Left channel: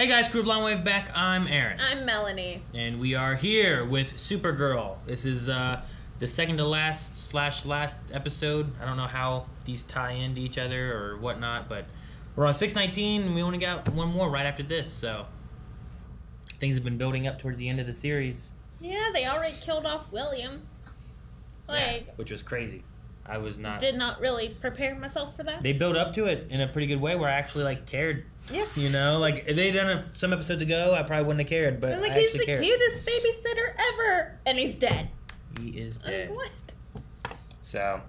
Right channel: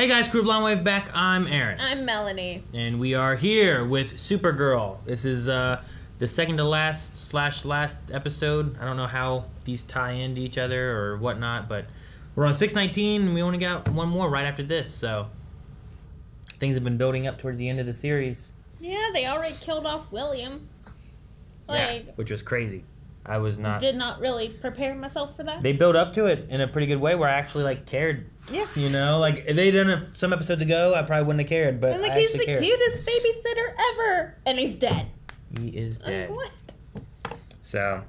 Hey guys, Crew Blonde Wave back. I'm Aaron. I'm Melanie. And we are here with Supergirl. This is the second to last / last episode. I don't know how these tie into each other or whatnot, but we're on 619 and we only got one more right after this, so things have been building up towards the end of the series. Yeah, they already killed off William. Yeah, which was crazy. I did not really prepare myself for that. They built up to it in a pretty good way where I actually cared. Yeah. You know, if they'd done it some episodes ago, I probably wouldn't have cared. But and he's the cutest babysitter ever, and he's dead. He is dead. What? So,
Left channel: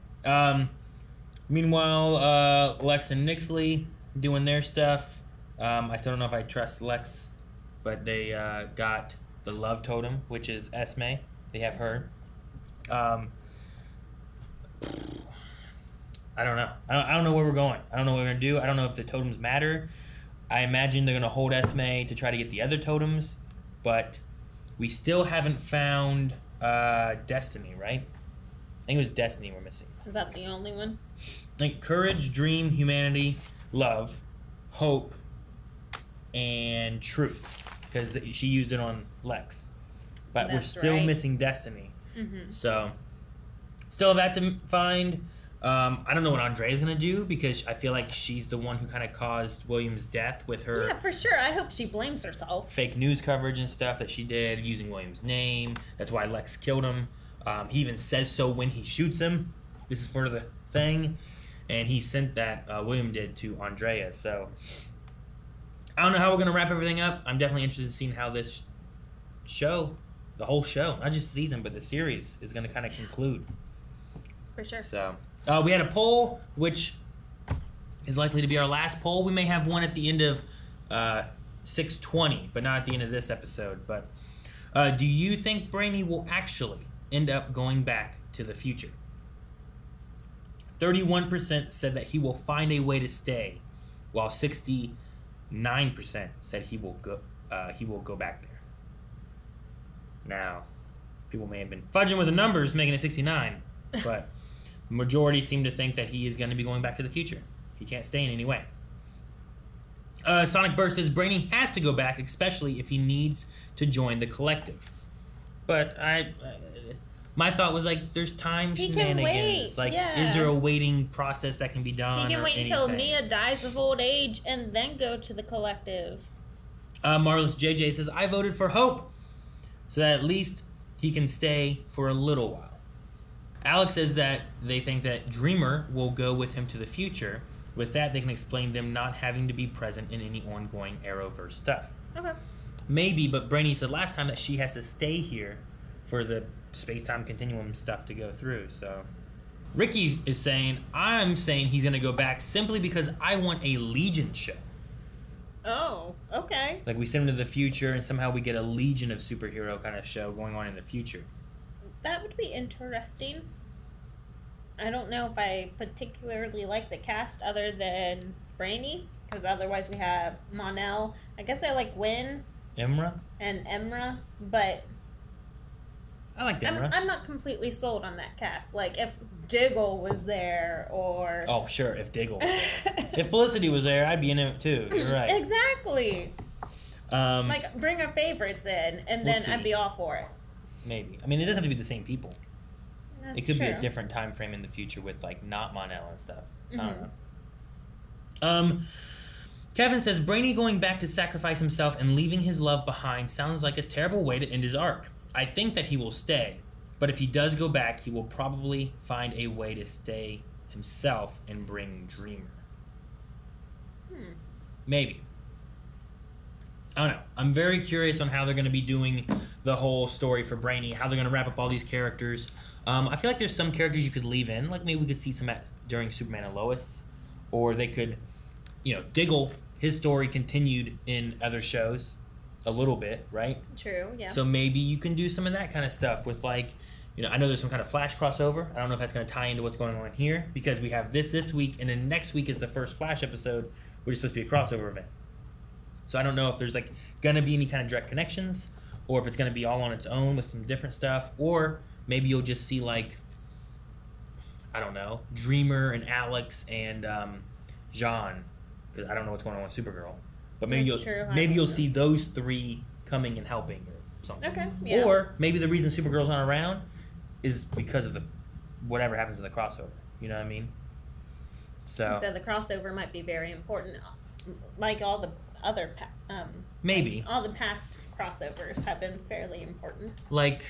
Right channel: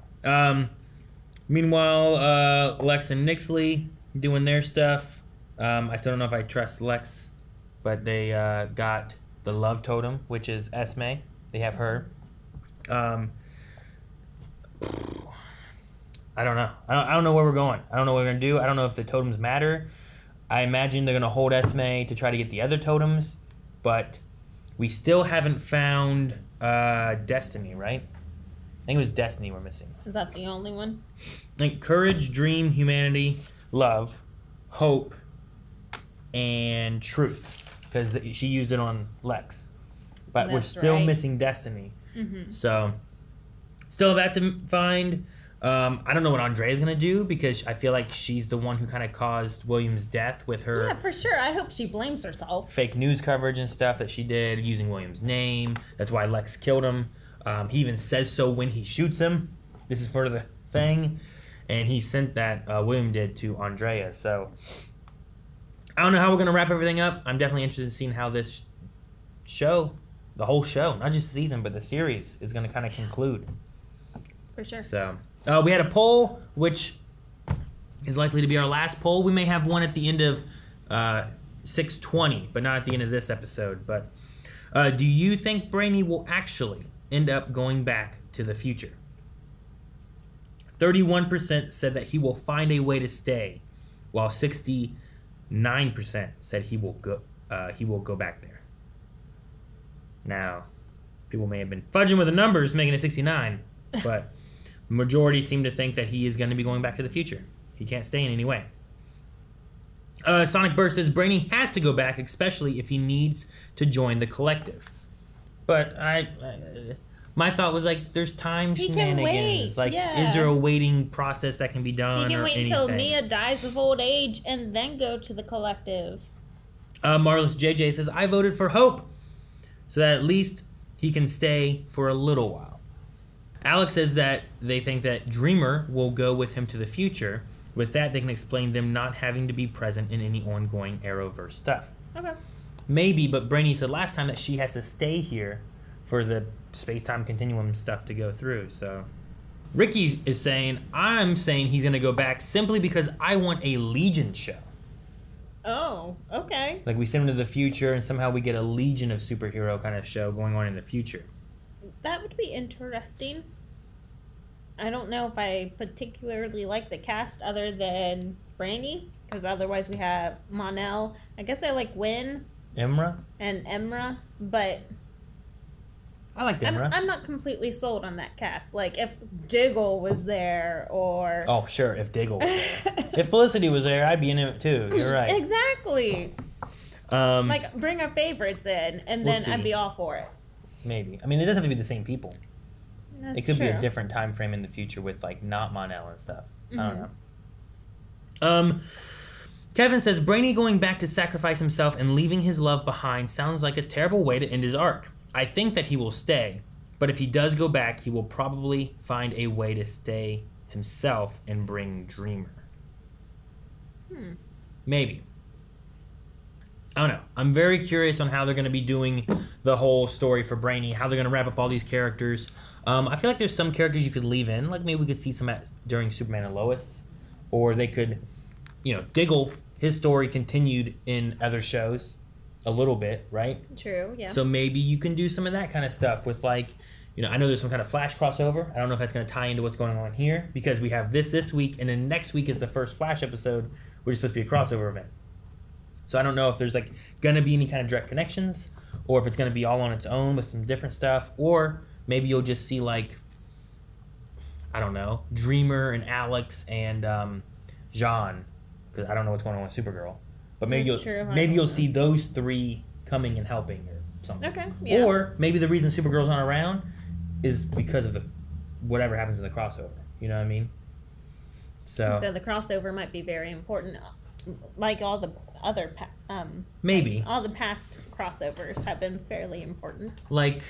meanwhile, Lex and Nixley doing their stuff. I still don't know if I trust Lex, but they got the love totem, which is Esme. They have her. I don't know. I don't know where we're going. I don't know what we're going to do. I don't know if the totems matter. I imagine they're going to hold Esme to try to get the other totems, but we still haven't found Destiny, right? I think it was Destiny we're missing. Is that the only one? Courage, dream, humanity, love, hope, and truth, because she used it on Lex. But we're still missing Destiny. Mm-hmm. So, still have that to find. I don't know what Andrea's going to do because I feel like she's the one who kind of caused William's death with her. Yeah, for sure. I hope she blames herself. Fake news coverage and stuff that she did using William's name. That's why Lex killed him. He even says so when he shoots him. This is for the thing. And he sent that, William did, to Andrea. So, I don't know how we're going to wrap everything up. I'm definitely interested in seeing how this show, the whole show, not just the season, but the series, is going to kind of conclude. For sure. So, we had a poll, which is likely to be our last poll. We may have one at the end of 620, but not at the end of this episode. But do you think Brainy will actually end up going back to the future? 31% said that he will find a way to stay, while 69% said he will go back there. Now, people may have been fudging with the numbers, making it 69, but majority seem to think that he is going to be going back to the future. He can't stay in any way. Sonic Burst says Brainy has to go back, especially if he needs to join the collective. But my thought was there's time shenanigans. He can wait. Is there a waiting process that can be done? He can wait until anything? Mia dies of old age and then go to the collective. Marvelous JJ says I voted for Hope, so that at least he can stay for a little while. Alex says that they think that Dreamer will go with him to the future. With that, they can explain them not having to be present in any ongoing Arrowverse stuff. Okay. Maybe, but Brainy said last time that she has to stay here for the space-time continuum stuff to go through. So, Ricky is saying, I'm saying he's going to go back simply because I want a Legion show. Oh, okay. We send him to the future and somehow we get a Legion of superhero kind of show going on in the future. That would be interesting. I don't know if I particularly like the cast other than Brainy, because otherwise we have Mon-El. I guess I like Wynn. Emra? And Emra, but I like Emra. I'm not completely sold on that cast. If Diggle was there, or... Oh, sure, if Diggle was there. If Felicity was there, I'd be in it too. You're right. Exactly. Bring our favorites in, and then I'd be all for it. Maybe. I mean, it doesn't have to be the same people. That's it could true. be a different time frame in the future with, not Mon-El and stuff. Mm-hmm. I don't know. Kevin says, Brainy going back to sacrifice himself and leaving his love behind sounds like a terrible way to end his arc. I think that he will stay, but if he does go back, he will probably find a way to stay himself and bring Dreamer. Maybe. I don't know. I'm very curious on how they're going to be doing the whole story for Brainy, how they're going to wrap up all these characters. I feel like there's some characters you could leave in, maybe we could see some during Superman and Lois, or they could, Diggle, his story continued in other shows a little bit, right? True, yeah. So maybe you can do some of that kind of stuff with I know there's some kind of Flash crossover. I don't know if that's going to tie into what's going on here, because we have this week, and then next week is the first Flash episode, which is supposed to be a crossover event. So I don't know if there's going to be any kind of direct connections, or if it's going to be all on its own with some different stuff, or maybe you'll just see I don't know, Dreamer and Alex and Jean, because I don't know what's going on with Supergirl. But maybe That's true. maybe you'll see those three coming and helping or something. Okay. Yeah. Or maybe the reason Supergirl's not around is because of the whatever happens in the crossover. You know what I mean? So the crossover might be very important, like all the other maybe all the past crossovers have been fairly important. Like,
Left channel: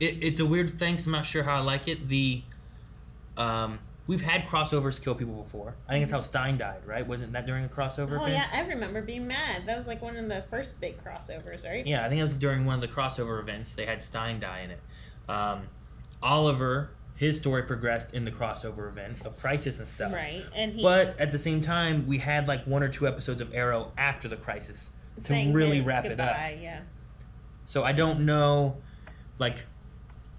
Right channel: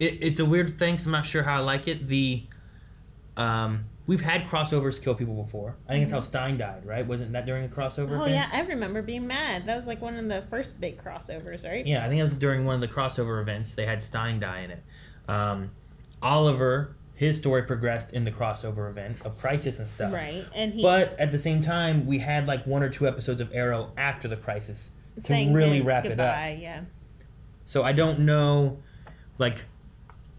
it's a weird thing, so I'm not sure how I like it. We've had crossovers kill people before. I think it's how Stein died, right? Wasn't that during a crossover Oh, event? yeah, I remember being mad. That was like one of the first big crossovers, right? Yeah, I think it was during one of the crossover events. They had Stein die in it. Oliver, his story progressed in the crossover event of Crisis and stuff. Right, and But at the same time, we had like 1 or 2 episodes of Arrow after the Crisis to saying really his wrap goodbye, it up. Yeah. So I don't know, like,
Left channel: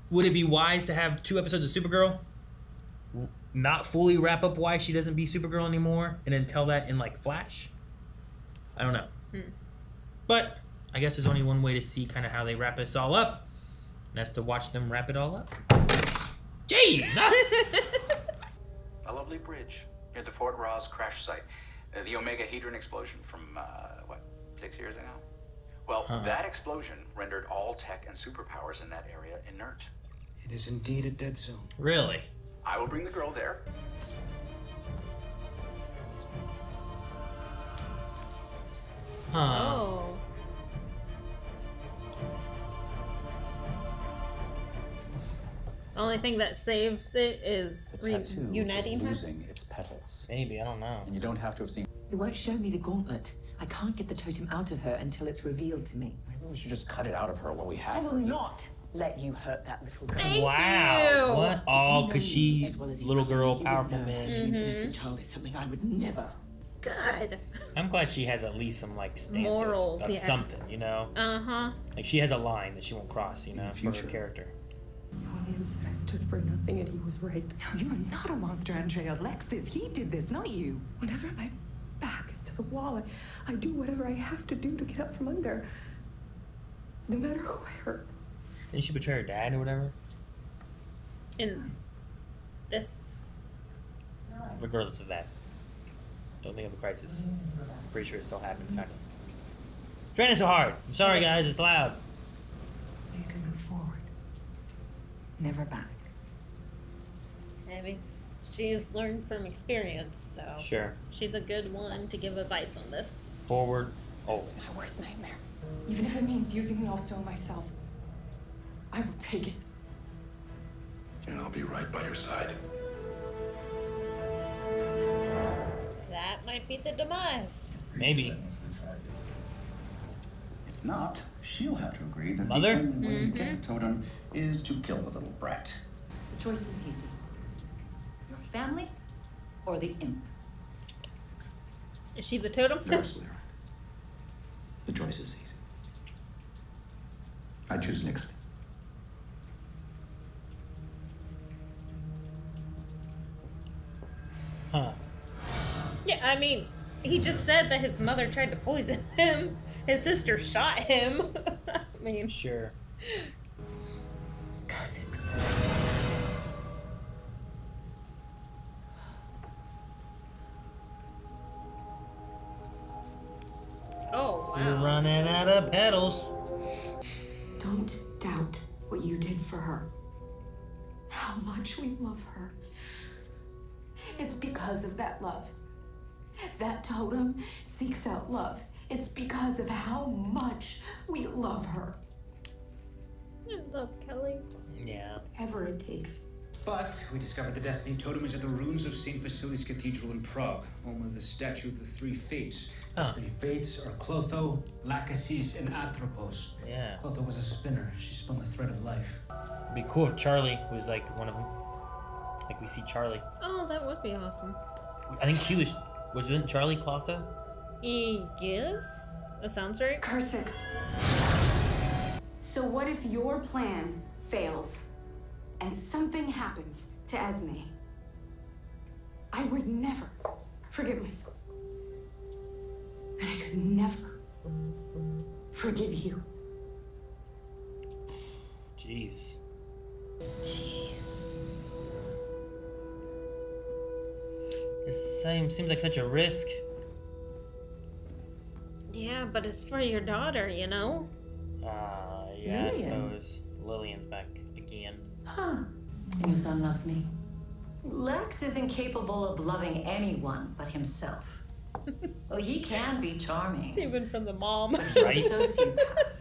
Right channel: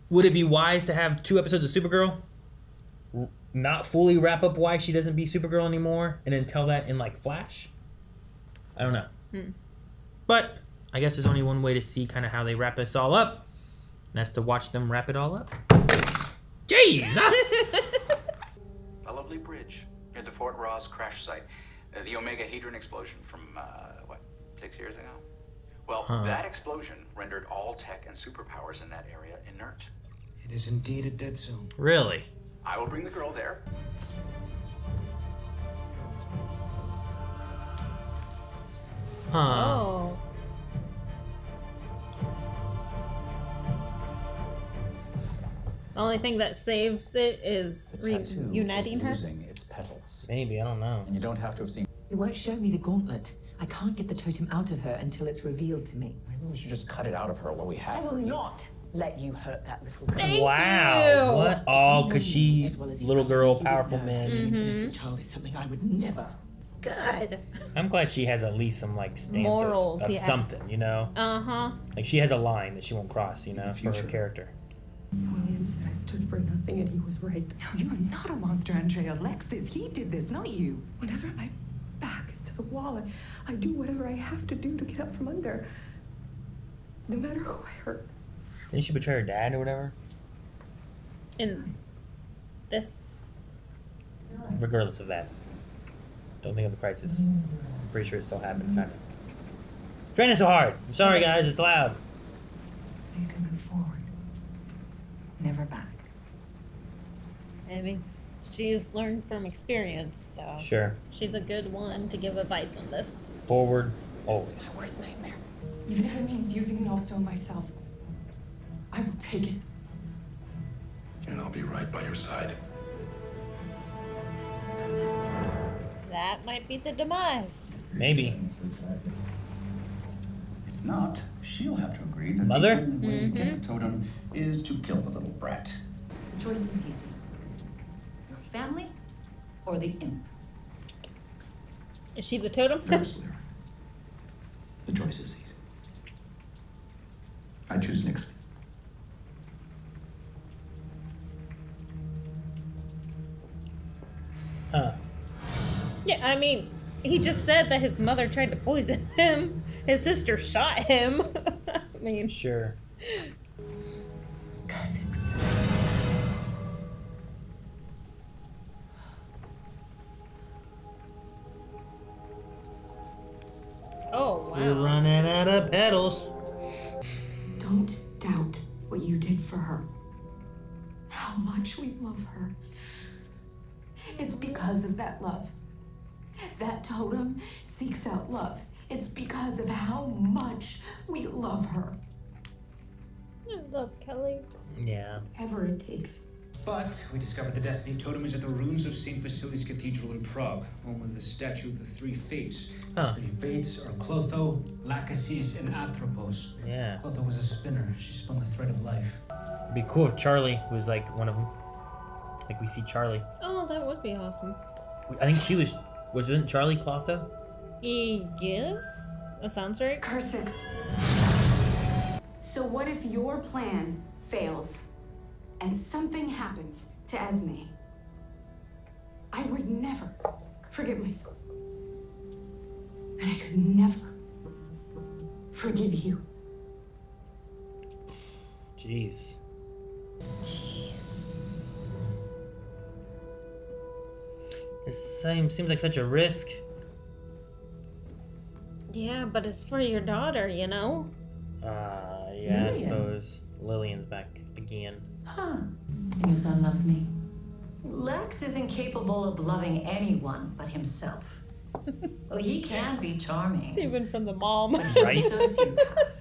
would it be wise to have 2 episodes of Supergirl? Not fully wrap up why she doesn't be Supergirl anymore, and then tell that in, like, Flash? I don't know. But I guess there's only one way to see kind of how they wrap this all up, and that's to watch them wrap it all up. Jesus! A lovely bridge near the Fort Ross crash site. The Omega Hedron explosion from, 6 years ago? Well, that explosion rendered all tech and superpowers in that area inert. It is indeed a dead zone. Really? I will bring the girl there. Oh. The only thing that saves it is reuniting her. Losing its petals. Maybe, I don't know. And you don't have to have seen. It won't show me the gauntlet. I can't get the totem out of her until it's revealed to me. Maybe we should just cut it out of her while we I have will her. not let you hurt that little girl. Thank Wow. you. What? Oh, because If you know me she's as well as you little do, girl, you would powerful know man. that an innocent child is something I would never. God. I'm glad she has at least some, like, stance Morals, of yeah. something, you know? Uh-huh. Like, she has a line that she won't cross, you know, for her character. William said I stood for nothing and he was right. No, you're not a monster, Andrea. Alexis, he did this, not you. Whenever my back is to the wall, I do whatever I have to do to get up from under. No matter who I hurt. Didn't she betray her dad or whatever? In this... Regardless of that. Don't think of the Crisis. I'm pretty sure it still happened, kind of. Training so hard. I'm sorry, guys. It's loud. So you can move forward. Never back. I mean, she's learned from experience, so... Sure. She's a good one to give advice on this. Forward, This always. is my worst nightmare. Even if it means using the Allstone myself, I will take it. And I'll be right by your side. That might be the demise. Maybe. If not, she'll have to agree that Mother? the only way to get the totem is to kill the little brat. The choice is easy. Your family or the imp. Is she the totem? You're absolutely right. The choice is easy. I choose Nixley. Huh. Yeah, I mean, he just said that his mother tried to poison him. His sister shot him. I mean... Sure. Cousins. Oh, You're wow. running out of pedals. Don't doubt what you did for her. How much we love her. It's because of that love. That totem seeks out love. It's because of how much we love her. I love Kelly. Yeah. Whatever it takes. But we discovered the Destiny Totem is at the ruins of St. Vasilis Cathedral in Prague, home of the statue of the three fates. The Oh. three fates are Clotho, Lachesis, and Atropos. Yeah. Clotho was a spinner. She spun the thread of life. It'd be cool if Charlie was, like, one of them. Like, we see Charlie. Oh, that would be awesome. I think she was... Wasn't Charlie Clotho? Yes? That sounds right. Cursix. So what if your plan fails and something happens to Esme? I would never forgive myself. And I could never forgive you. Jeez. Jeez. This seems like such a risk. Yeah, but it's for your daughter, you know? Yeah, Lillian. I suppose. Lillian's back again. Huh. And your son loves me. Lex is incapable of loving anyone but himself. Well, he can be charming. It's even from the mom. But he's Right. a sociopath.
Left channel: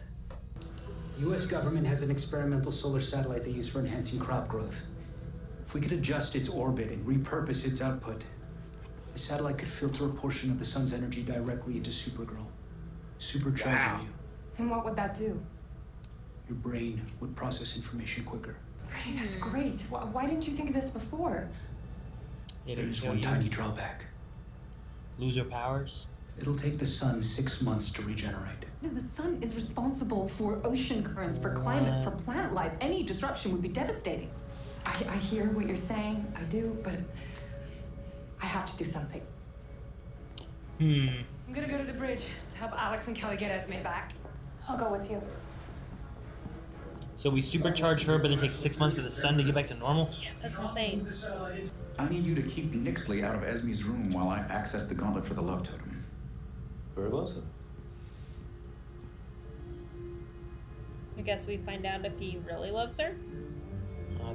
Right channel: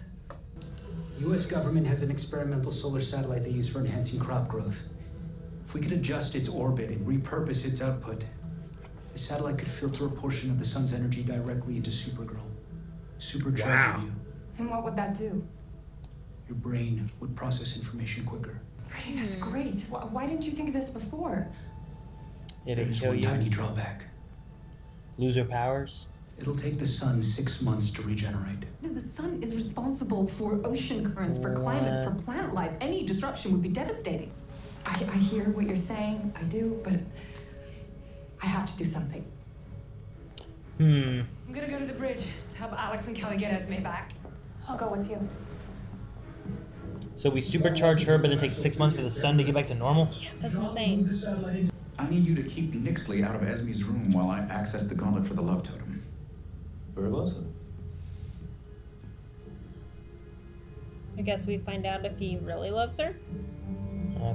U.S. government has an experimental solar satellite they use for enhancing crop growth. If we could adjust its orbit and repurpose its output, the satellite could filter a portion of the sun's energy directly into Supergirl. Supercharge you. And what would that do? Your brain would process information quicker. Brady, that's great. Why didn't you think of this before? It'll There's kill one you. tiny drawback. Loser powers? It'll take the sun 6 months to regenerate. No, the sun is responsible for ocean currents, for climate, for planet life. Any disruption would be devastating. I hear what you're saying. I do, but I have to do something. Hmm. I'm gonna go to the bridge to help Alex and Kelly get Esme back. I'll go with you. So we supercharge her, but it takes 6 months for the sun to get back to normal? That's insane. I need you to keep Nixley out of Esme's room while I access the gauntlet for the love totem. Very well, sir. I guess we find out if he really loves her.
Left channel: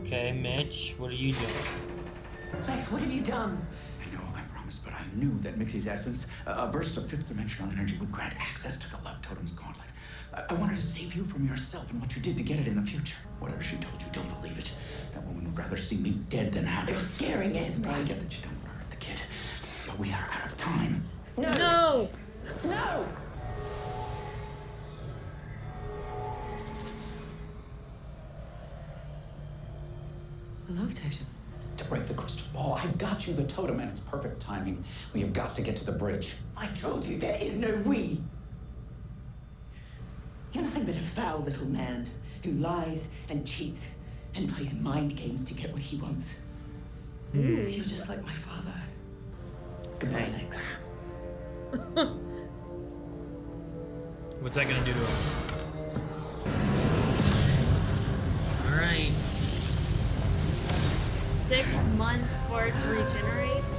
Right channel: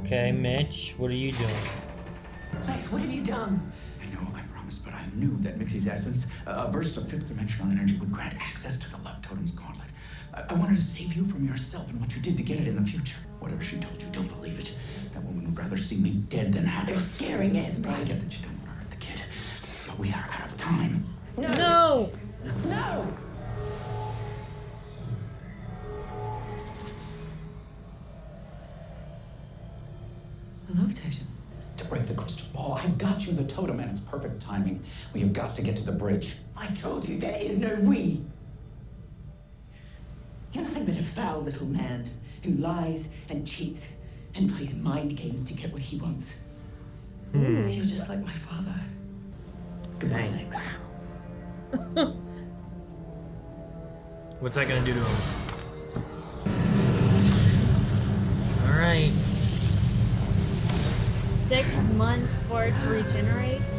Okay, Mitch, what are you doing? Lex, what have you done? I know, I promised, but I knew that Mixie's essence, a burst of fifth dimensional energy, would grant access to the love totem's gauntlet. I wanted to save you from yourself and what you did to get it in the future. Whatever she told you, don't believe it. That woman would rather see me dead than happy. You're scaring Esme. I get that you don't want to hurt the kid, but we are out of time. No! No! No! The love totem. To break the crystal ball, I got you the totem and it's perfect timing. We have got to get to the bridge. I told you there is no we. You're nothing but a foul little man who lies and cheats and plays mind games to get what he wants. You're just like my father. Goodbye, Lex. What's that gonna do to him? Alright. 6 months for it to regenerate.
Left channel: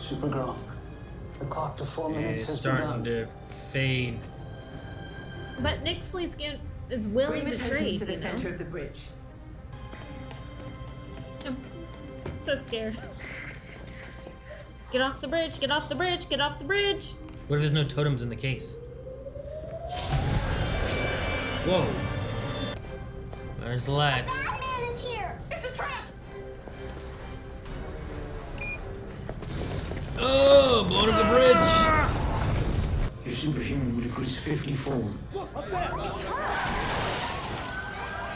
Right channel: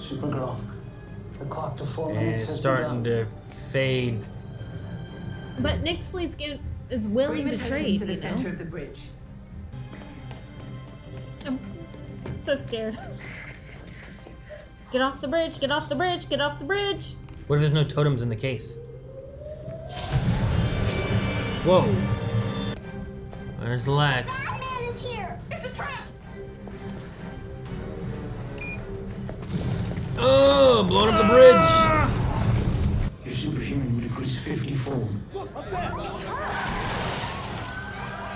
Supergirl, the clock to 4 minutes It's has starting begun. to fade. But Nixley's is willing Bring to the totem trade, to the you know? center of the bridge. I'm so scared. Get off the bridge, get off the bridge, get off the bridge! What if there's no totems in the case? Whoa. There's Lex. Batman is here! It's a trap! Oh, blowing up the bridge! Your superhuman would increase 50-fold.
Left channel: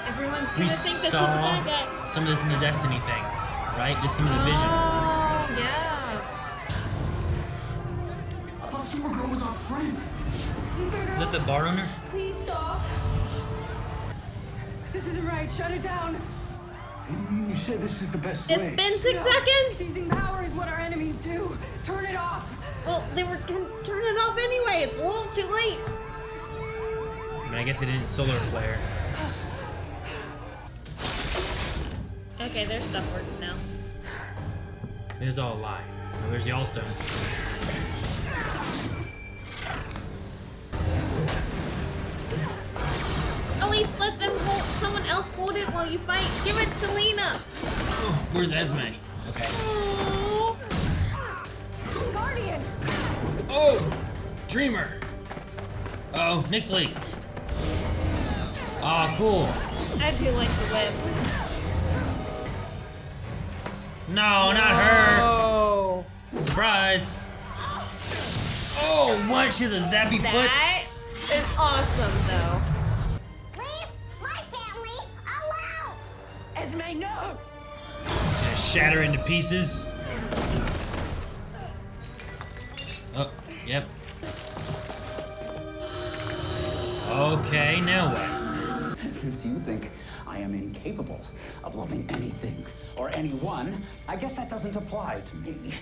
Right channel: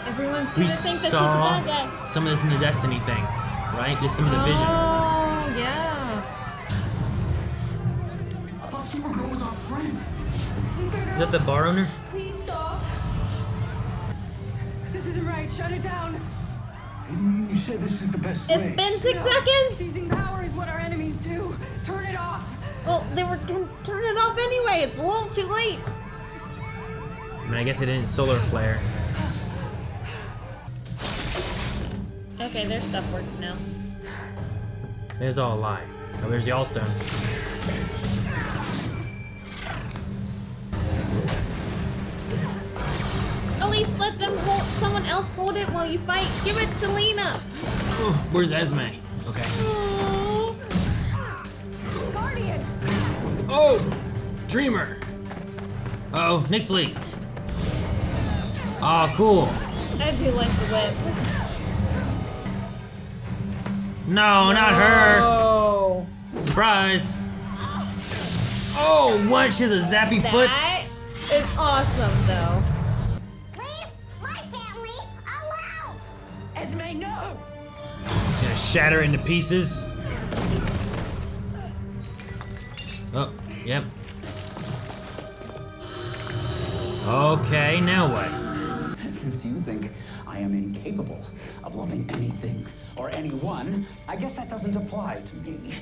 Everyone's We gonna think that she's a bad guy. saw some of this in the Destiny thing, right? There's some of the vision. Oh, yeah. I thought Supergirl was our friend. Is that the bar owner? Please stop. This isn't right. Shut it down. You said this is the best way. It's been 6 seconds! Seizing power is what our enemies do. Turn it off. Well, they were gonna turn it off anyway. It's a little too late. I mean, I guess they didn't solar flare. Okay, their stuff works now. There's all a lie. Oh, there's the All-Stone. At least let them someone else hold it while you fight. Give it to Lena. Oh, where's Esme? Okay. Guardian. Oh! Dreamer! Oh, Nixley! Oh, cool. I do like the whip. No, not her! Oh. Surprise! Oh, what? She has a zappy foot? That is awesome, though. Leave my family alone! Esme, no. Just shatter into pieces. Oh, yep. Okay, now what? Since you think I am incapable of loving anything or anyone, I guess that doesn't apply to me.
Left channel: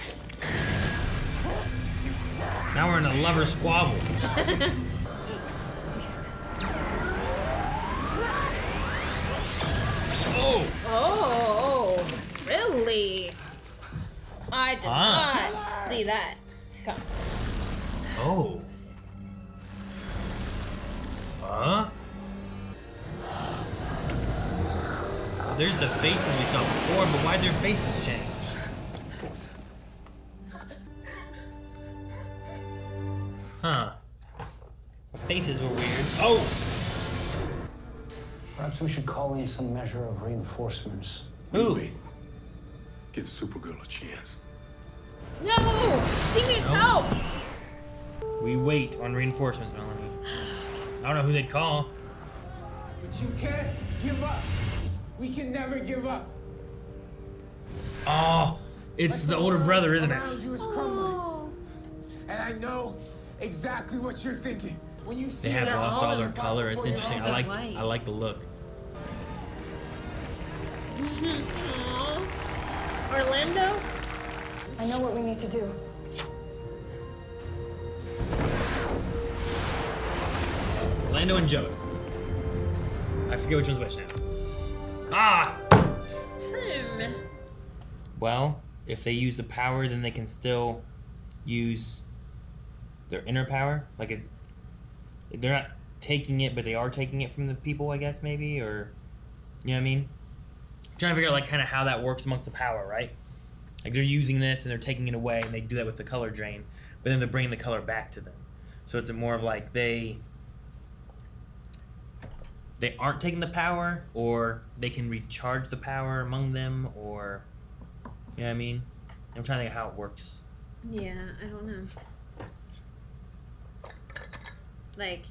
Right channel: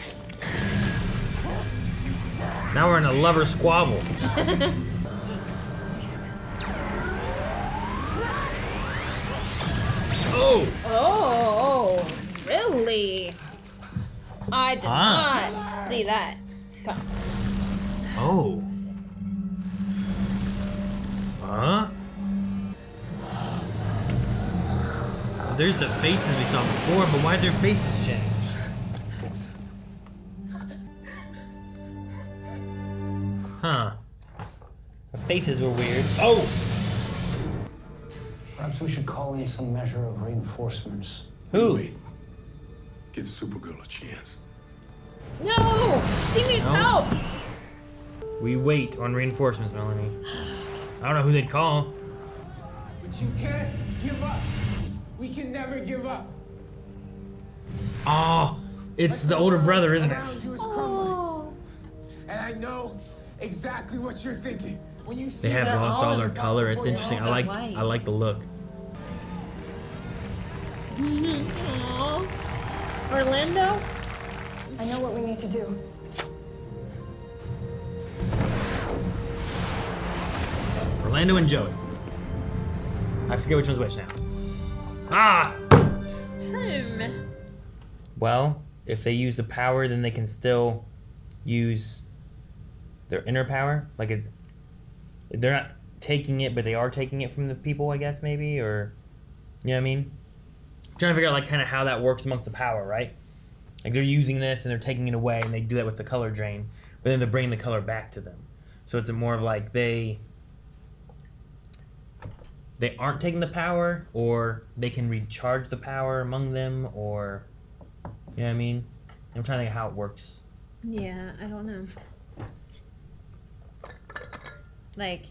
Now we're in a lover squabble. Oh! Oh, really? I did not see that. Oh. There's the faces we saw before, but why'd their faces change? Huh. The faces were weird. Oh! Perhaps we should call in some measure of reinforcements. Who? Wait. Give Supergirl a chance. No! She needs help! We wait on reinforcements, Melanie. I don't know who they'd call. But you can't give up. We can never give up. Oh, it's the older brother, isn't it? Around you is crumbling. And I know exactly what you're thinking. When you see They have that lost all their hard color. It's before your interesting. own I like the look. Aww. Orlando? I know what we need to do. Orlando and Joey. I forget which one's which now. Ah! Well, if they use the power, then they can still use their inner power. Like, they're not taking it, but they are taking it from the people, I guess, maybe, or, you know what I mean? I'm trying to figure out, like, kind of how that works amongst the power, right? Like, they're using this, and they're taking it away, and they do that with the color drain, but then they're bringing the color back to them. So it's more of like they aren't taking the power, or they can recharge the power among them, or, you know what I mean? I'm trying to think of how it works. Yeah, I don't know. Like,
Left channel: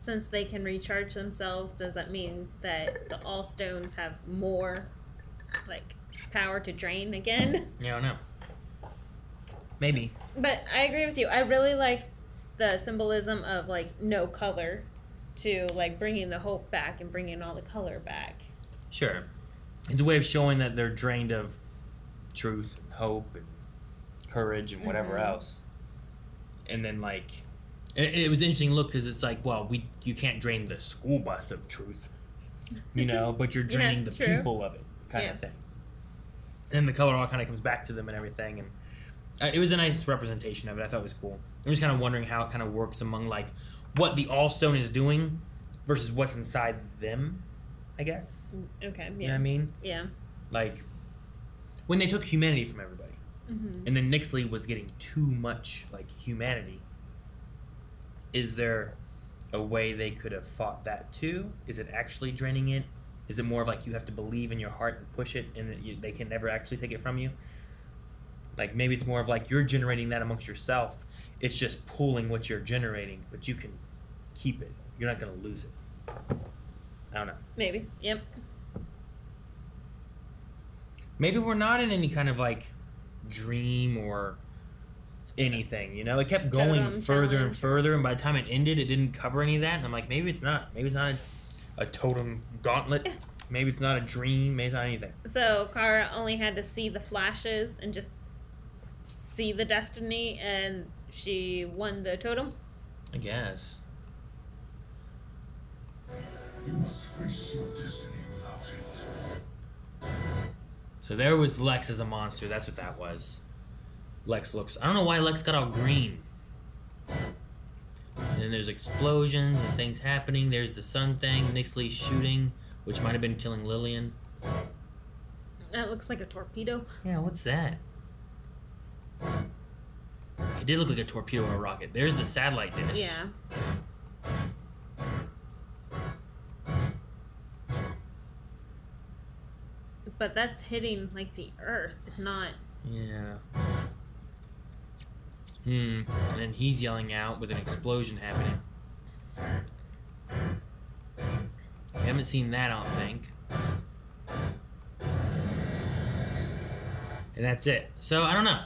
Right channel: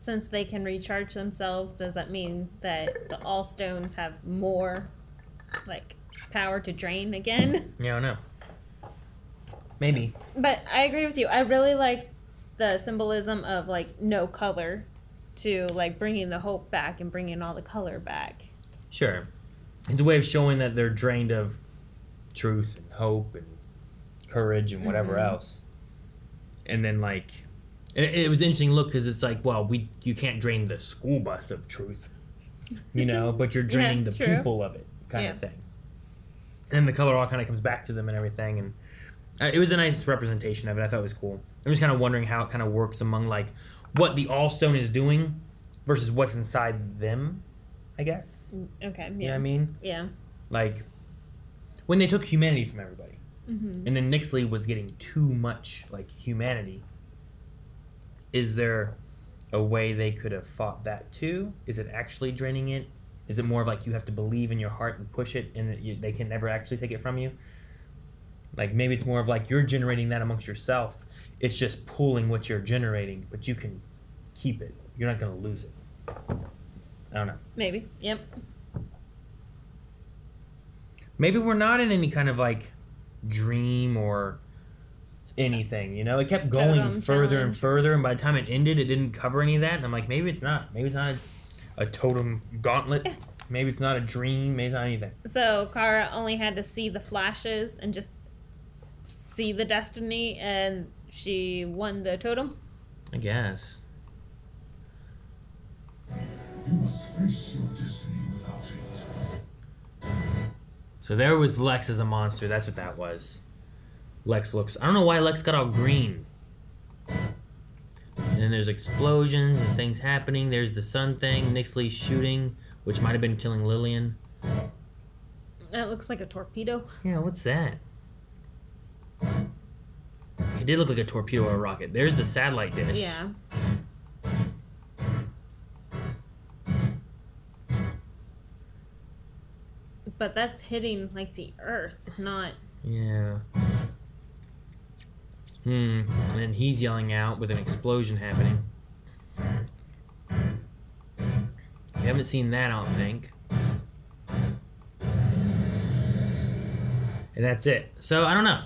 since they can recharge themselves, does that mean that the All Stones have more, like, power to drain again? Yeah, I don't know. Maybe. But I agree with you. I really like the symbolism of, like, no color to, like, bringing the hope back and bringing all the color back. Sure. It's a way of showing that they're drained of truth, and hope, and courage, and whatever else. And then, like, it was an interesting look because it's like, well, you can't drain the school bus of truth, you know, but you're draining the people of it, kind of thing. And then the color all kind of comes back to them and everything, and it was a nice representation of it. I thought it was cool. I'm just kind of wondering how it kind of works among, like, what the All-Stone is doing versus what's inside them, I guess. Okay, yeah. You know what I mean? Yeah. Like, when they took humanity from everybody, and then Nixley was getting too much, like, humanity, is there a way they could have fought that too? Is it actually draining it? Is it more of like you have to believe in your heart and push it and that they can never actually take it from you? Like, maybe it's more of like you're generating that amongst yourself. It's just pulling what you're generating, but you can keep it. You're not going to lose it. I don't know. Maybe. Yep. Maybe we're not in any kind of, like, dream or anything, you know? It kept going further and further, and by the time it ended, it didn't cover any of that. And I'm like, maybe it's not. Maybe it's not a totem gauntlet. Maybe it's not a dream. Maybe it's not anything. So Kara only had to see the flashes and just see the destiny, and she won the totem? I guess. You must face your destiny without it. So there was Lex as a monster. That's what that was. Lex looks... I don't know why Lex got all green. And then there's explosions and things happening. There's the sun thing. Nixley shooting, which might have been killing Lillian. That looks like a torpedo. Yeah, what's that? It did look like a torpedo or a rocket. There's the satellite dish. Yeah. But that's hitting, like, the Earth, not... Yeah. And then he's yelling out with an explosion happening. I haven't seen that, I don't think. And that's it. So, I don't know.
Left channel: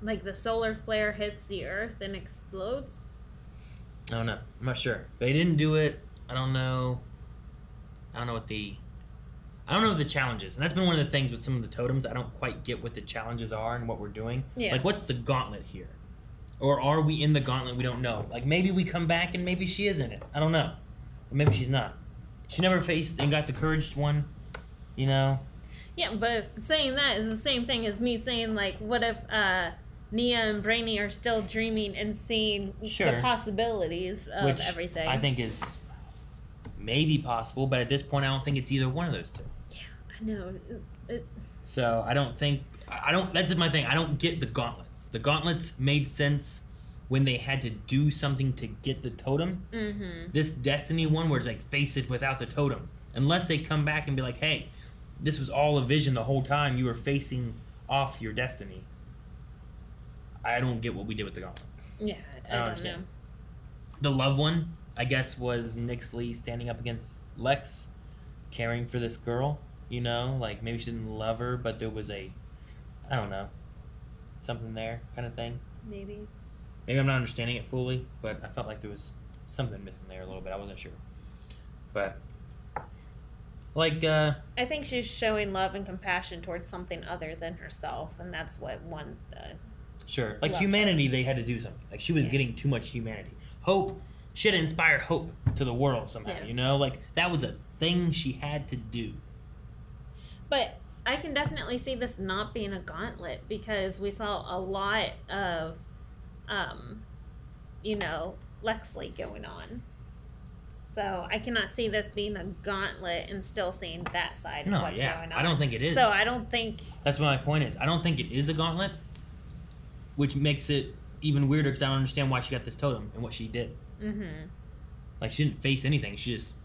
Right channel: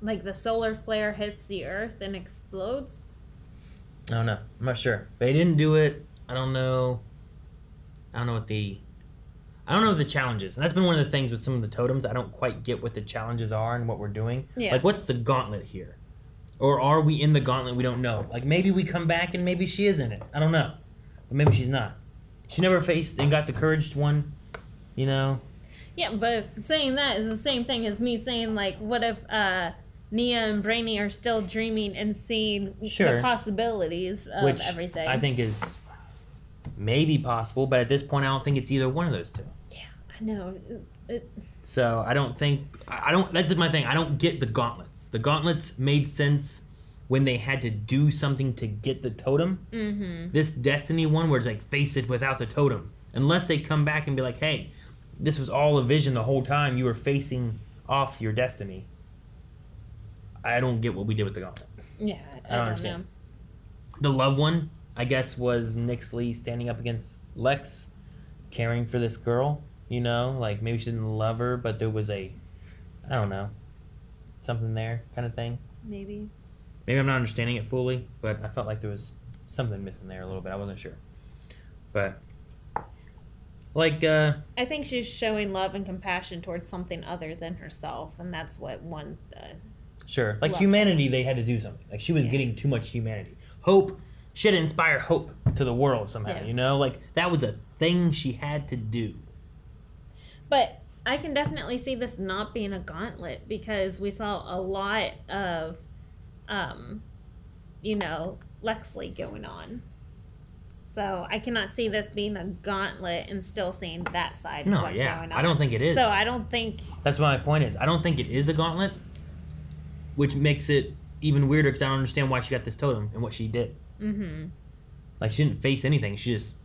Like, the solar flare hits the Earth and explodes? I don't know. I'm not sure. They didn't do it. I don't know. I don't know what the challenge is. And that's been one of the things with some of the totems. I don't quite get what the challenges are and what we're doing. Yeah. Like, what's the gauntlet here? Or are we in the gauntlet? We don't know. Like, maybe we come back and maybe she is in it. I don't know. But maybe she's not. She never faced and got the courage one, you know? Yeah, but saying that is the same thing as me saying, like, what if Nia and Brainy are still dreaming and seeing the possibilities of everything? I think is maybe possible, but at this point I don't think it's either one of those two. Yeah, I No. So I don't think that's my thing. I don't get the gauntlets. The gauntlets made sense when they had to do something to get the totem. Mm-hmm. This Destiny one where it's like face it without the totem. Unless they come back and be like, hey, this was all a vision the whole time. You were facing off your destiny. I don't get what we did with the gauntlet. Yeah, I don't understand. The love one, I guess, was Nixley standing up against Lex, caring for this girl. You know, like maybe she didn't love her, but there was I don't know, something there kind of thing. Maybe I'm not understanding it fully, but I felt like there was something missing there a little bit. I wasn't sure. But, like, I think she's showing love and compassion towards something other than herself, and that's what won the... Sure. Like, humanity, they had to do something. Like, she was getting too much humanity. Hope, she had to inspire hope to the world somehow, you know? Like, that was a thing she had to do. But I can definitely see this not being a gauntlet, because we saw a lot of... Lexley going on. So I cannot see this being a gauntlet and still seeing that side of what's going on. I don't think it is. So I don't think... That's what my point is. I don't think it is a gauntlet, which makes it even weirder because I don't understand why she got this totem and what she did. Mm-hmm. Like, she didn't face anything. She just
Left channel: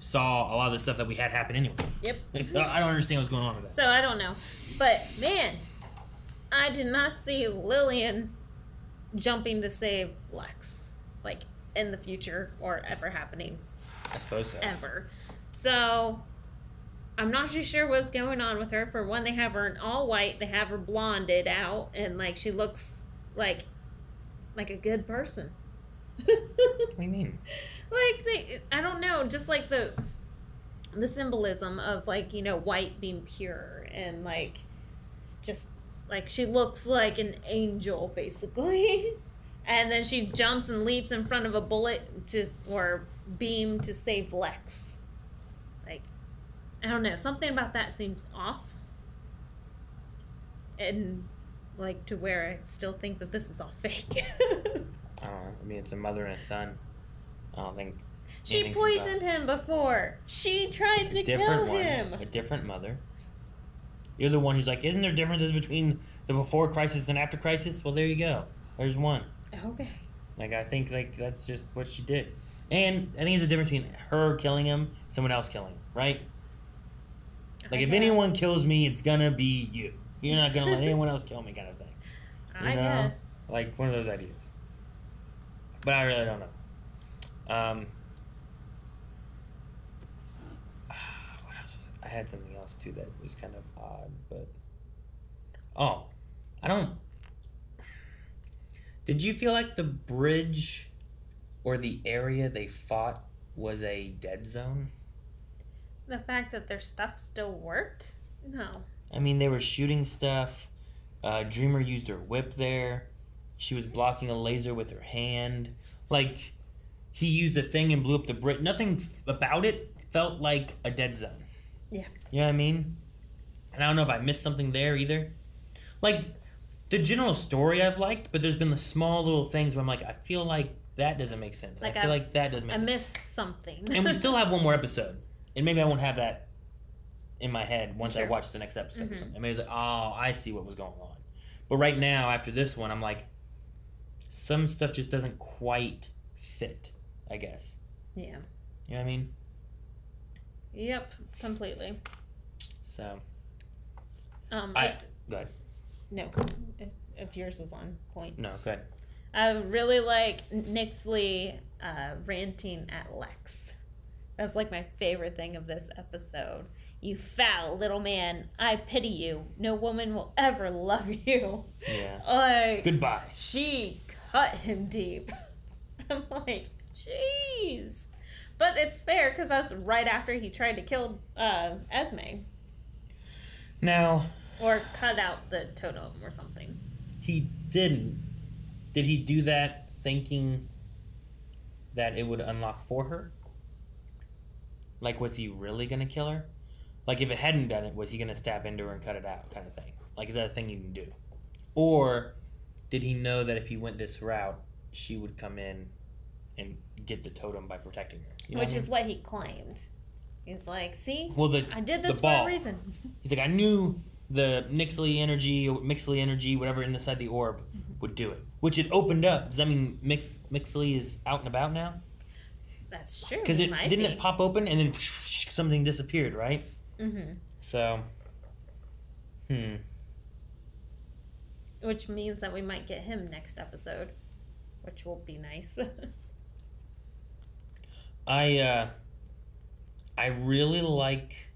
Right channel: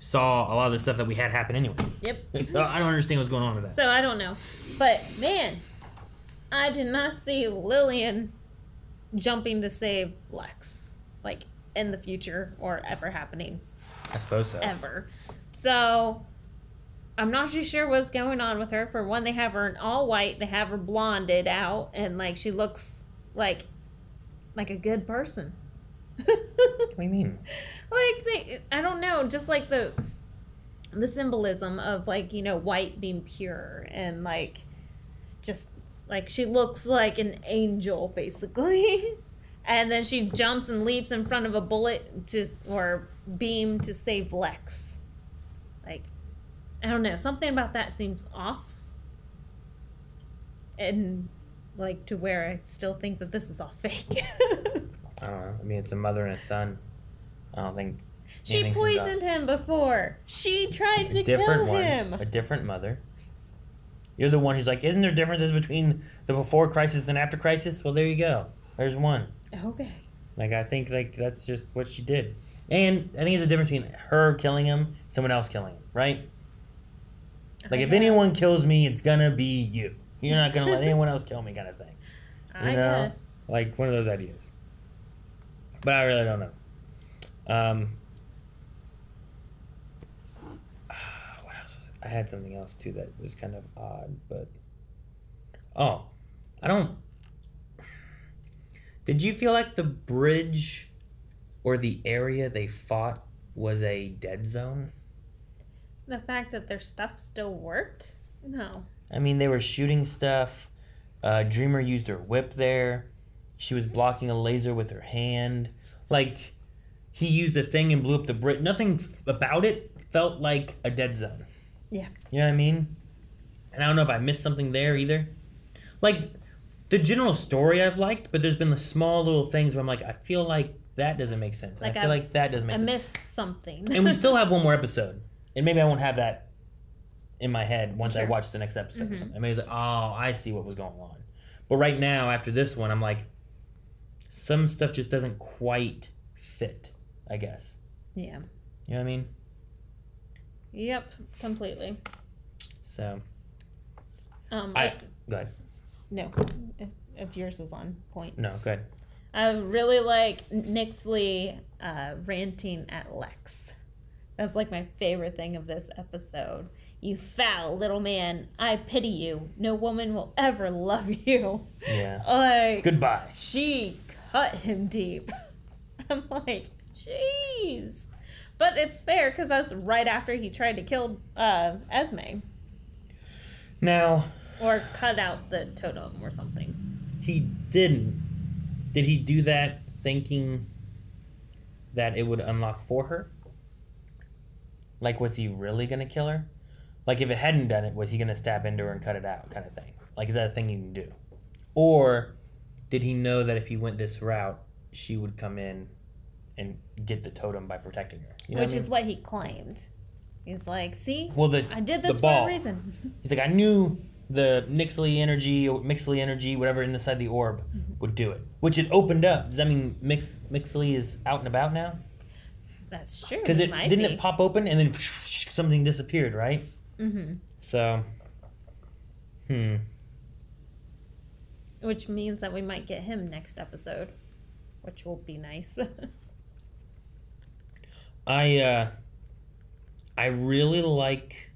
saw a lot of the stuff that we had happen anyway. Yep. So I don't understand what's going on with that. So I don't know. But, man, I did not see Lillian jumping to save Lex, like, in the future or ever happening. I suppose so. Ever. So, I'm not too sure what's going on with her. For one, they have her in all white. They have her blonded out, and, like, she looks like a good person. What do you mean? Like, I don't know, just like the symbolism of, like, white being pure, and, like, just... Like, she looks like an angel, basically. And then she jumps and leaps in front of a bullet or beam to save Lex. Like, I don't know. Something about that seems off. And, like, to where I still think that this is all fake. I don't know. I mean, it's a mother and a son. I don't think... She poisoned him before. She tried to kill him. A different mother. You're the one who's like, isn't there differences between the before crisis and after crisis? Well, there you go. There's one. Okay. Like, I think, like, that's just what she did. And I think there's a difference between her killing him, someone else killing him, right? Like, if anyone kills me, it's gonna be you. You're not gonna let anyone else kill me, kind of thing. I guess. Like, one of those ideas. But I really don't know. I had something else too that was kind of odd, but did you feel like the bridge or the area they fought was a dead zone? The fact that their stuff still worked? No. I mean, they were shooting stuff. Dreamer used her whip there. She was blocking a laser with her hand. Like, he used a thing and blew up the bridge. Nothing about it felt like a dead zone. Yeah. You know what I mean? And I don't know if I missed something there either. Like, the general story I've liked, but there's been the small little things where I'm like, I feel like that doesn't make sense. Like, I feel like that doesn't make sense. I missed something. And we still have one more episode. And maybe I won't have that in my head once I watch the next episode. Mm-hmm. Or something. And maybe it's like, oh, I see what was going on. But right now, after this one, I'm like, some stuff just doesn't quite fit, I guess. Yeah. You know what I mean? Yep, completely. So, go ahead. No, if yours was on point. No, go ahead. I really like Nixley ranting at Lex. That's like my favorite thing of this episode. You foul little man, I pity you. No woman will ever love you. Yeah. Like, goodbye. She cut him deep. I'm like, jeez. But it's fair, because that's right after he tried to kill Esme. Now... Or cut out the totem or something. He didn't. Did he do that thinking that it would unlock for her? Like, was he really going to kill her? Like, if it hadn't done it, was he going to stab into her and cut it out kind of thing? Like, is that a thing you can do? Or did he know that if he went this route, she would come in and get the totem by protecting her? You know Which is what he claimed. He's like, see? Well, I did this the for ball. a reason. He's like, I knew the Mixley energy, whatever inside the orb would do it. Which it opened up. Does that mean Mixley is out and about now? That's true. Because it pop open and then something disappeared, right? Mm-hmm. So, Which means that we might get him next episode, which will be nice. I really like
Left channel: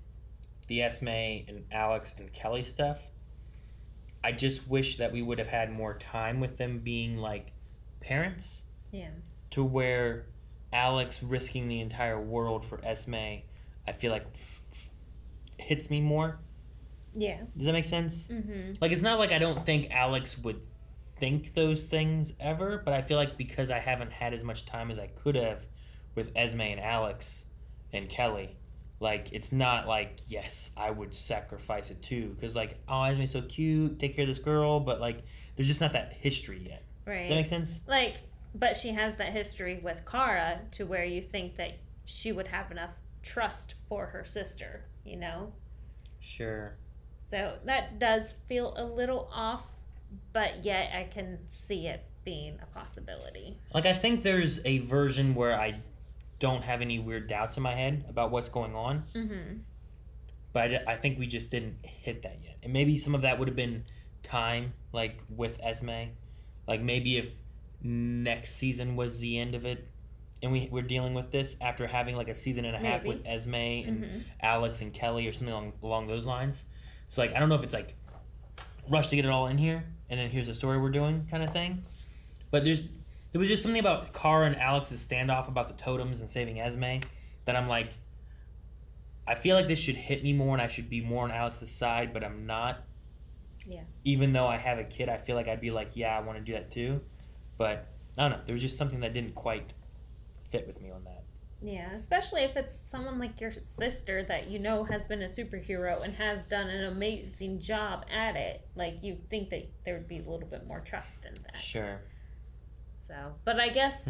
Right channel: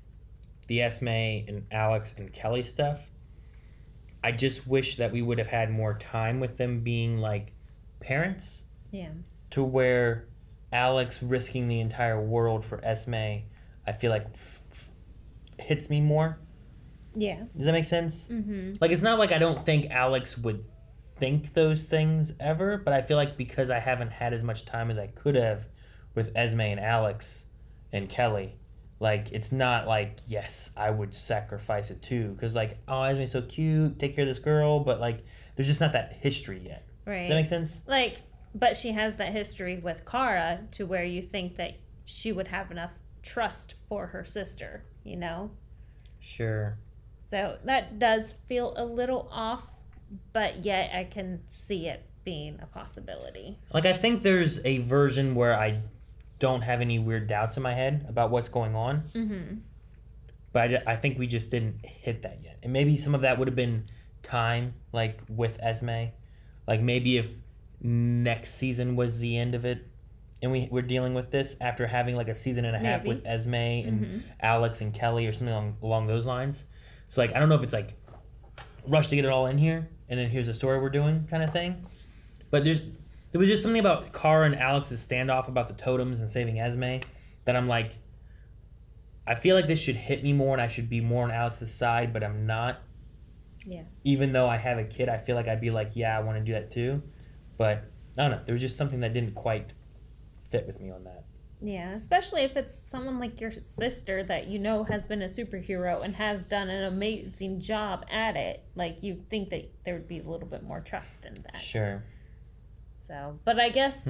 the Esme and Alex and Kelly stuff. I just wish that we would have had more time with them being like parents. Yeah. To where Alex risking the entire world for Esme, I feel like hits me more. Yeah. Does that make sense? Mm-hmm. Like, it's not like I don't think Alex would think those things ever, but I feel like because I haven't had as much time as I could have with Esme and Alex and Kelly, like, it's not like, yes, I would sacrifice it too. Because, like, oh, Esme's so cute, take care of this girl, but, like, there's just not that history yet. Right. Does that make sense? Like, but she has that history with Kara to where you think that she would have enough trust for her sister, you know? Sure. So that does feel a little off, but yet I can see it being a possibility. Like, I think there's a version where I don't have any weird doubts in my head about what's going on. Mm-hmm. But I think we just didn't hit that yet. And maybe some of that would have been time, like, with Esme. Like, maybe if next season was the end of it and we're dealing with this after having, like, a season and a half with Esme and Alex and Kelly or something along those lines. So, like, I don't know if it's, like, rush to get it all in here, and then here's the story we're doing kind of thing. But there was just something about Kara and Alex's standoff about the totems and saving Esme that I'm like, I feel like this should hit me more and I should be more on Alex's side, but I'm not. Yeah. Even though I have a kid, I feel like I'd be like, yeah, I want to do that too. But, I don't know. There was just something that didn't quite fit with me on that. Yeah, especially if it's someone like your sister that you know has been a superhero and has done an amazing job at it. Like, you think that there would be a little bit more trust in that. Sure. So, but I guess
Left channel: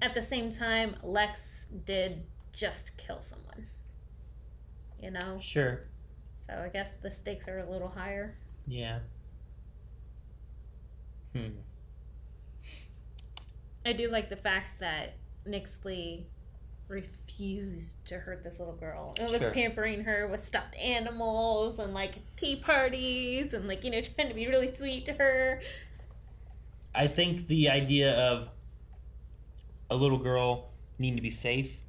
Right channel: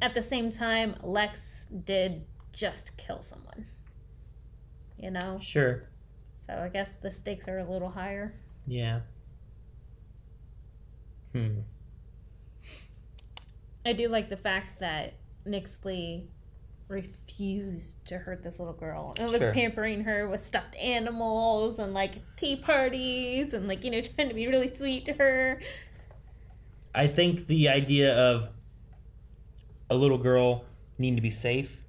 at the same time, Lex did just kill someone. You know? Sure. So I guess the stakes are a little higher. Yeah. I do like the fact that Nixley refused to hurt this little girl. It was pampering her with stuffed animals and, like, tea parties and, like, you know, trying to be really sweet to her. I think the idea of a little girl needing to be safe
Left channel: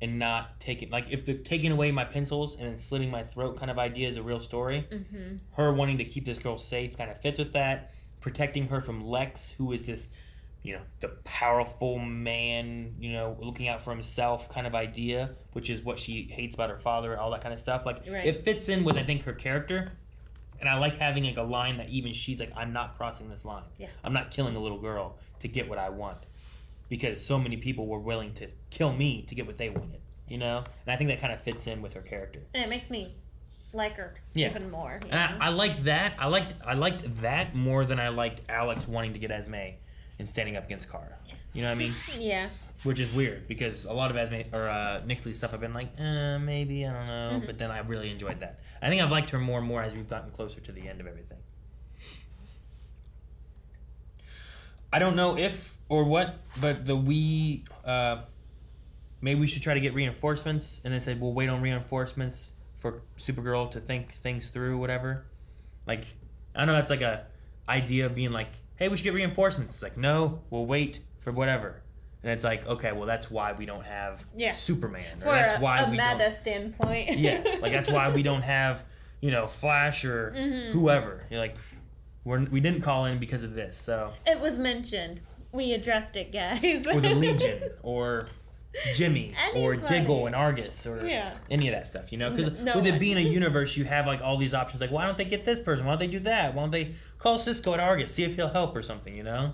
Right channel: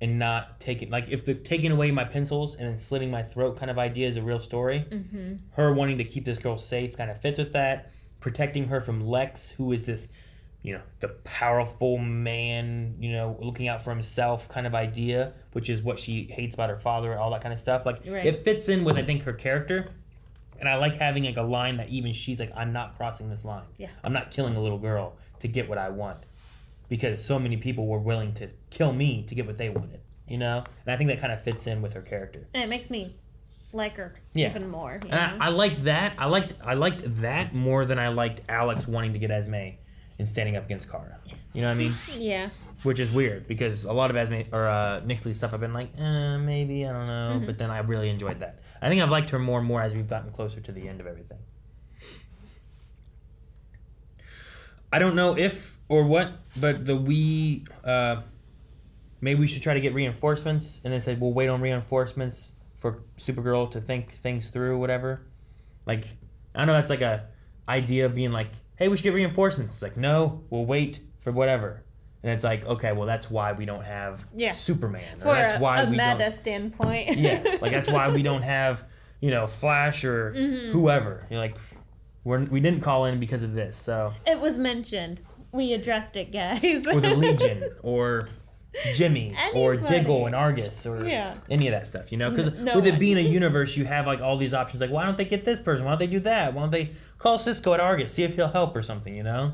and not taking, like, if they're taking away my pencils and then slitting my throat kind of idea is a real story. Mm-hmm. Her wanting to keep this girl safe kind of fits with that. Protecting her from Lex, who is this, you know, the powerful man, you know, looking out for himself kind of idea, which is what she hates about her father and all that kind of stuff. Like, It fits in with, I think, her character. And I like having, like, a line that even she's like, I'm not crossing this line. Yeah. I'm not killing a little girl to get what I want. Because so many people were willing to kill me to get what they wanted, you know? And I think that kind of fits in with her character. And it makes me like her even more. You know? And I like that. I liked that more than I liked Alex wanting to get Esme and standing up against Kara. You know what I mean? Yeah. Which is weird because a lot of Esme or Nixley's stuff I've been like, maybe, I don't know. But then I really enjoyed that. I think I've liked her more and more as we've gotten closer to the end of everything. I don't know if or what, but maybe we should try to get reinforcements and then say we'll wait on reinforcements for Supergirl to think things through, whatever. Like, I don't know, that's like a idea of being like, hey, we should get reinforcements. It's like, no, we'll wait for whatever. And it's like, okay, well, that's why we don't have Superman. For that's why a we meta standpoint. Yeah, like that's why we don't have, you know, Flash or whoever. You're like, we didn't call in because of this, so. It was mentioned. We addressed it, guys. Or the Legion, or Jimmy, or Diggle and Argus, or any of that stuff, you know? Because with it being a universe, you have like all these options. Like, why don't they get this person? Why don't they do that? Why don't they call Cisco at Argus, see if he'll help or something, you know?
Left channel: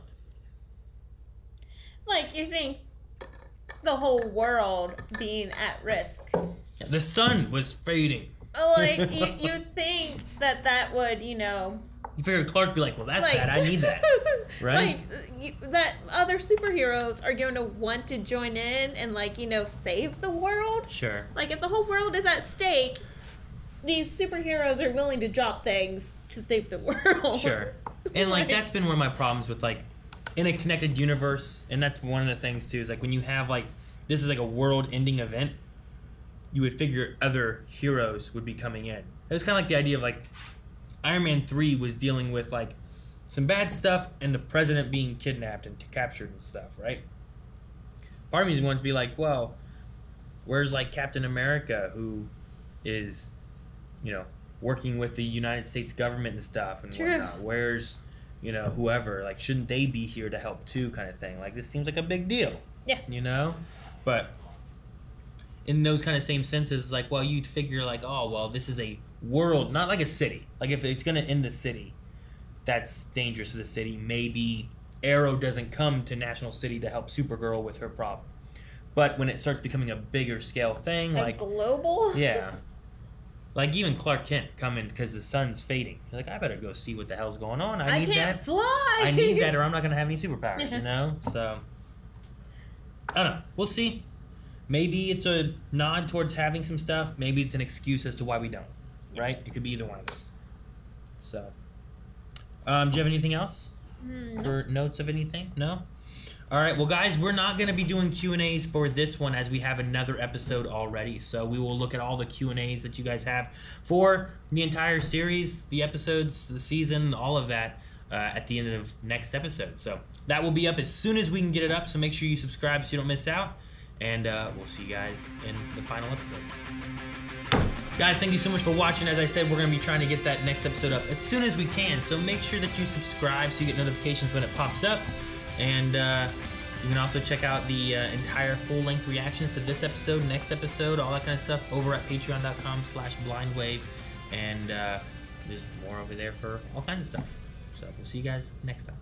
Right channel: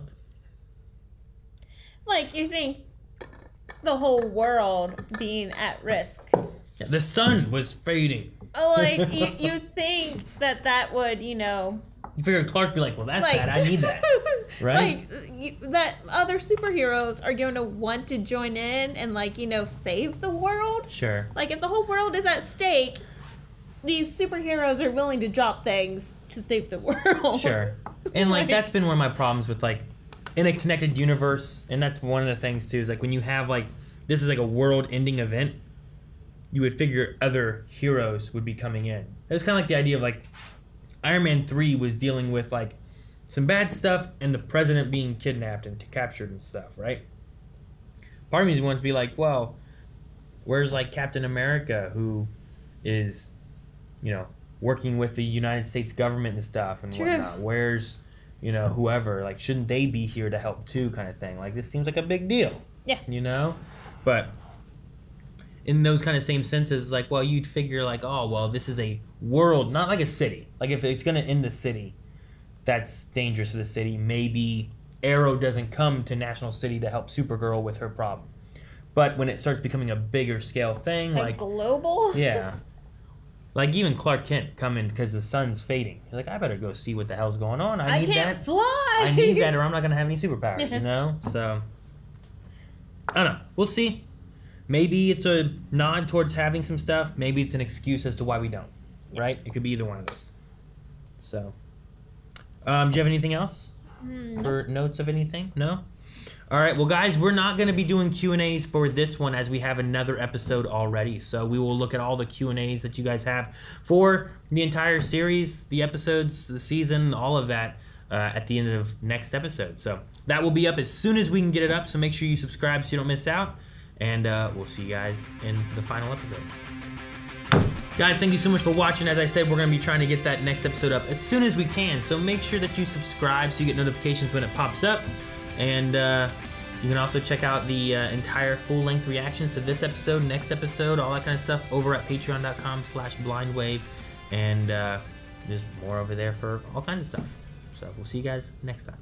Like, you think the whole world being at risk. Yeah, the sun was fading. Like, you think that would, you know, You figure Clark would be like, well, that's bad. I need that. Right? That other superheroes are going to want to join in and, like, you know, save the world. Sure. Like, if the whole world is at stake, these superheroes are willing to drop things to save the world. Sure. And, like, that's been one of my problems with, like, in a connected universe, and that's one of the things, too, is, like, when you have, like, this is, like, a world-ending event, you would figure other heroes would be coming in. It was kind of like the idea of, like, Iron Man 3 was dealing with, like, some bad stuff and the president being kidnapped and captured and stuff, right? Part of me wants to be like, well, where's, like, Captain America, who is, you know, working with the United States government and stuff and whatnot? Where's, you know, whoever? Like, shouldn't they be here to help too, kind of thing? Like, this seems like a big deal. Yeah. You know? But in those kind of same senses, like, well, you'd figure, like, oh, well, this is a world, not like a city. Like, if it's going to end the city, that's dangerous to the city. Maybe Arrow doesn't come to National City to help Supergirl with her problem. But when it starts becoming a bigger scale thing, like global? Yeah. Like, even Clark Kent coming because the sun's fading. You're like, I better go see what the hell's going on. I need can't that. fly. I need that or I'm not going to have any superpowers, you know? So, I don't know. We'll see. Maybe it's a nod towards having some stuff. Maybe it's an excuse as to why we don't. Right? It could be either one of those. So, do you have anything else? Or notes of anything? No? All right. Well, guys, we're not going to be doing Q&As for this one as we have another episode already. So we will look at all the Q&As that you guys have for the entire series, the episodes, the season, all of that at the end of next episode. So that will be up as soon as we can get it up. So make sure you subscribe so you don't miss out. And we'll see you guys in the final episode. Guys, thank you so much for watching. As I said, we're going to be trying to get that next episode up as soon as we can. So make sure that you subscribe so you get notifications when it pops up. And you can also check out the entire full-length reactions to this episode, next episode, all that kind of stuff over at patreon.com/blindwave. And there's more over there for all kinds of stuff. So we'll see you guys next time.